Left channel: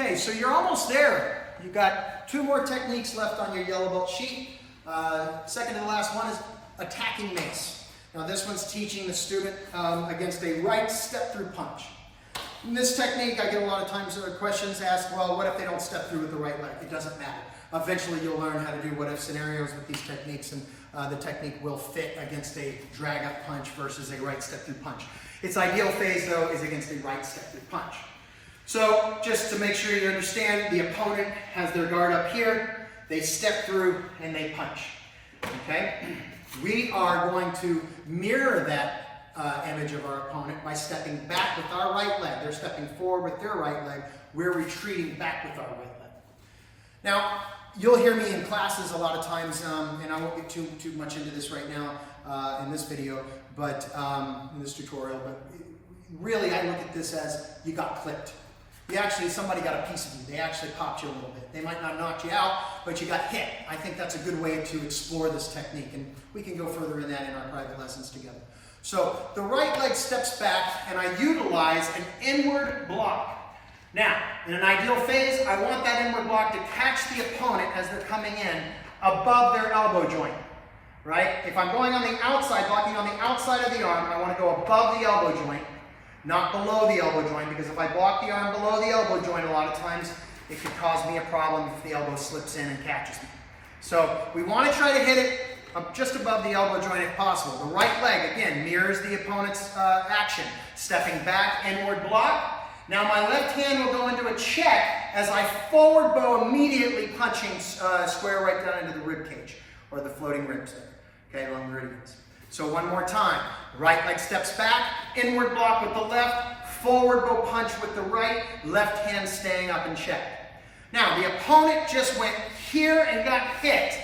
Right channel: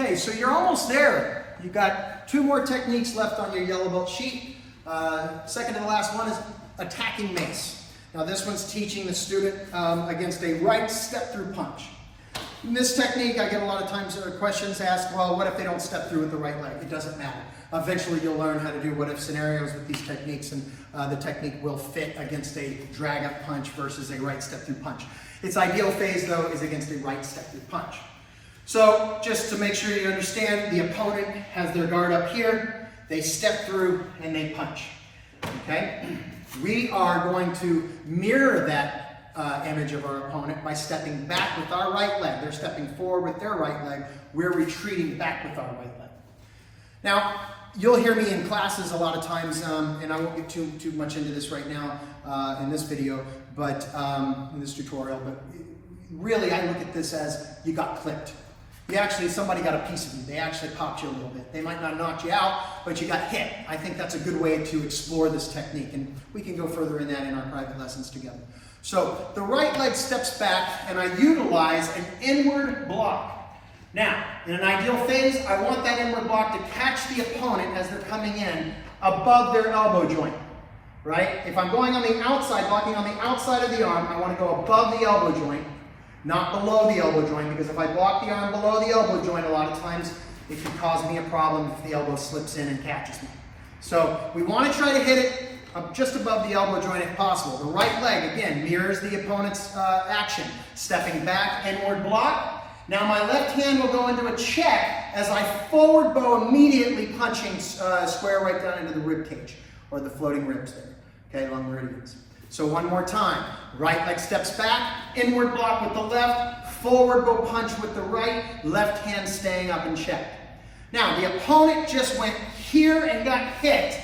Okay, so you're almost there. You've got 2 more techniques left on your yellow belt sheet. Second to the last one is attacking mace. Now this one's teaching the student against a right step through punch. In this technique, I get a lot of times questions asked, well, what if they don't step through with the right leg? It doesn't matter. Eventually you'll learn how to do what if scenarios with these techniques, and the technique will fit against a drag up punch versus a right step through punch. Its ideal phase though is against a right step through punch. So just to make sure you understand, the opponent has their guard up here, they step through and they punch. Okay? We are going to mirror that image of our opponent by stepping back with our right leg. They're stepping forward with their right leg. We're retreating back with our right leg. Now, you'll hear me in classes a lot of times, and I won't get too much into this right now in this video, but in this tutorial, but really I look at this as you got clipped. Somebody got a piece of you. They actually popped you a little bit. They might not knock you out, but you got hit. I think that's a good way to explore this technique, and we can go further in that in our private lessons together. So the right leg steps back, and I utilize an inward block. Now, in an ideal phase, I want that inward block to catch the opponent as they're coming in above their elbow joint, right? If I'm going on the outside, blocking on the outside of the arm, I want to go above the elbow joint, not below the elbow joint, because if I block the arm below the elbow joint, a lot of times it could cause me a problem if the elbow slips in and catches me. So we want to try to hit it just above the elbow joint if possible. The right leg, again, mirrors the opponent's action. Stepping back, inward block. Now my left hand will go into a check as I forward bow, immediately punching square right down into the rib cage, or the floating ribs there, okay, along meridians. So one more time. Right leg steps back, inward block with the left, forward bow punch with the right, left hand staying up in check. Now the opponent just went here and got hit.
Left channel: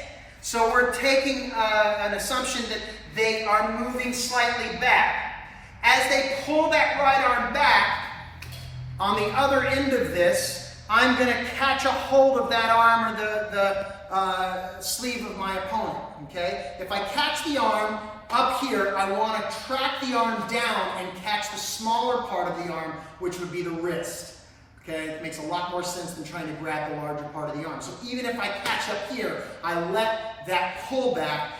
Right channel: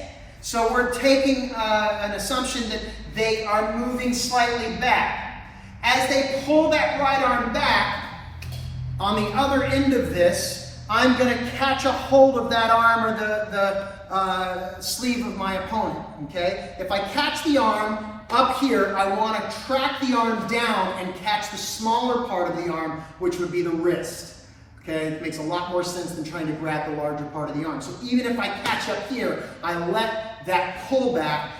So we're taking an assumption that they are moving slightly back. As they pull that right arm back, on the other end of this, I'm going to catch a hold of that arm or the sleeve of my opponent, okay? If I catch the arm up here, I want to track the arm down and catch the smaller part of the arm, which would be the wrist. Okay, it makes a lot more sense than trying to grab the larger part of the arm. So even if I catch up here, I let that pullback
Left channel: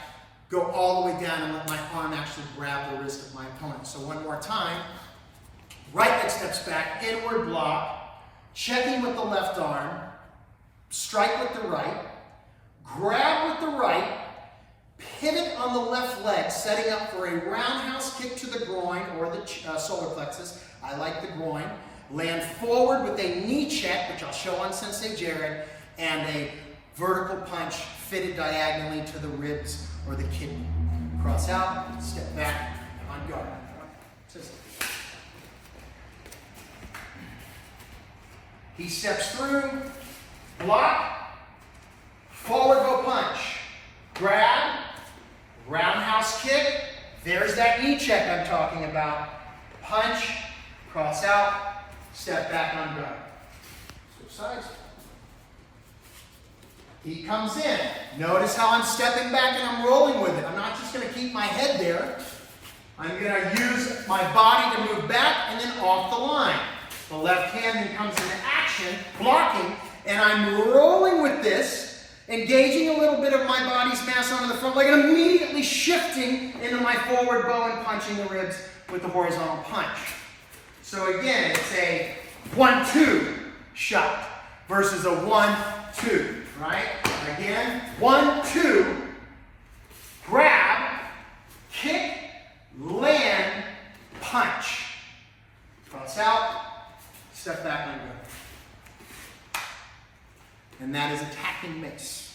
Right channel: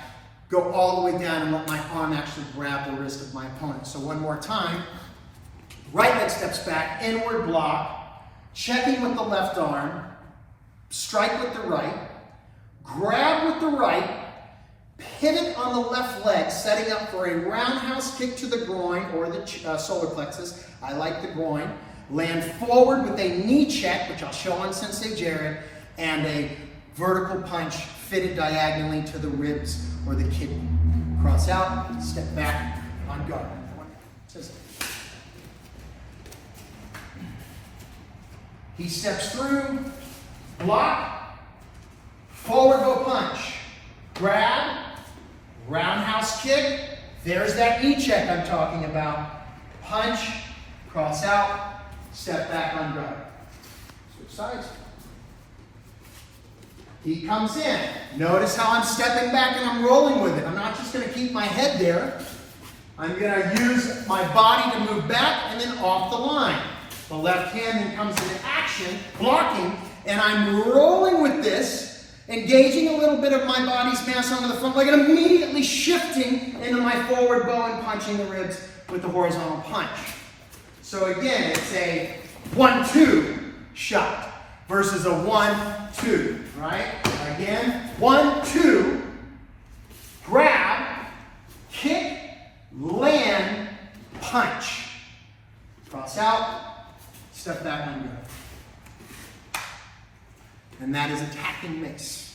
go all the way down and let my arm actually grab the wrist of my opponent. So one more time. Right leg steps back, inward block, checking with the left arm, strike with the right, grab with the right, pivot on the left leg, setting up for a roundhouse kick to the groin or the solar plexus. I like the groin. Land forward with a knee check, which I'll show on Sensei Jared, and a vertical punch fitted diagonally to the ribs or the kidney. Cross out, step back, on guard. He steps through, block, forward go punch, grab, roundhouse kick. There's that knee check I'm talking about. Punch, cross out, step back on guard. Switch sides. He comes in. Notice how I'm stepping back and I'm rolling with it. I'm not just going to keep my head there. I'm going to use my body to move back and then off the line. The left hand then comes into action, blocking, and I'm rolling with this, engaging a little bit of my body's mass onto the front leg and immediately shifting into my forward bow and punching the ribs with the horizontal punch. So again, it's a 1-2 shot versus a 1-2, right? Again, 1-2, grab, kick, land, punch. Cross out, step back on guard. And that is attacking mace.